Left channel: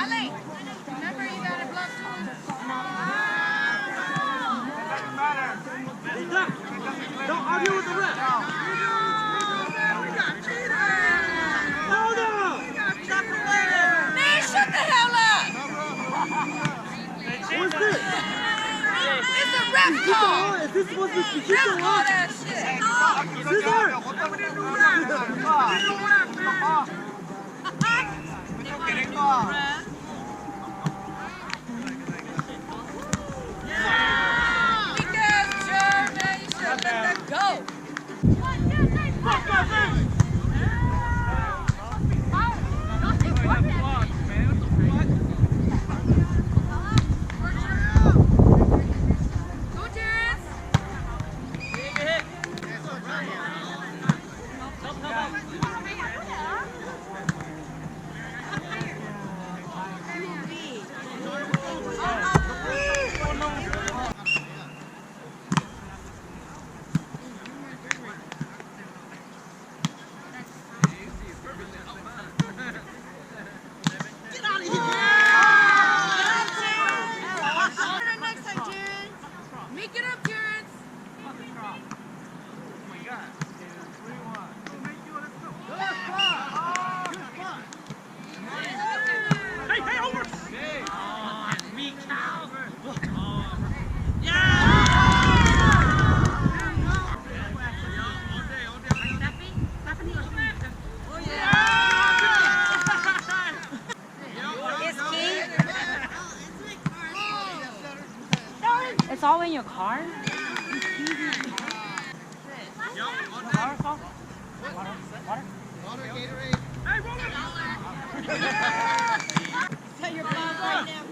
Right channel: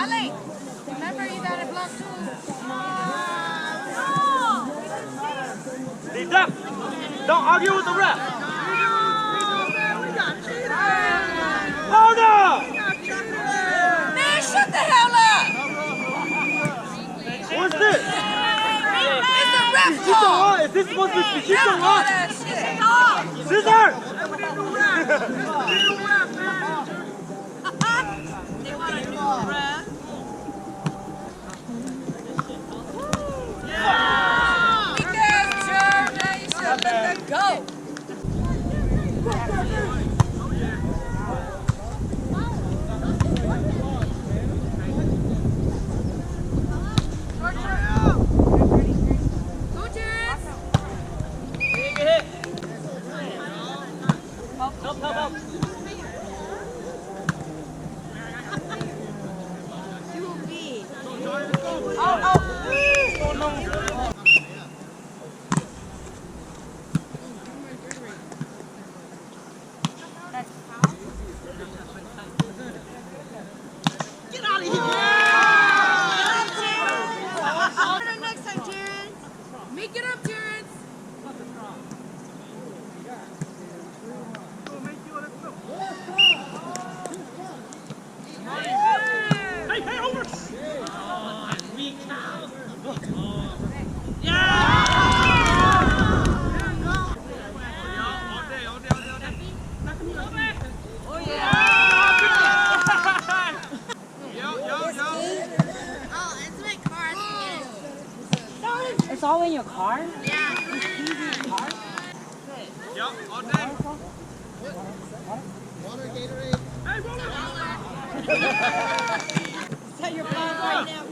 Ale, remember you got a block too? Hey, Duck, don't argue with the ref. Hold up! Man, shut the hell up! What's this? It's a ref call! Is this supposed to be Ref call that shit! Scissor! Because Jeremy, you should let that go! Go, Terrence! Big hit. Help. Get out of here! Next time, Terrence! Make it up, Terrence! Hey, over! Weak cow! Oh, yeah! It's all in your car? Water, Gatorade. Hey, roll it! Tell your mom right now.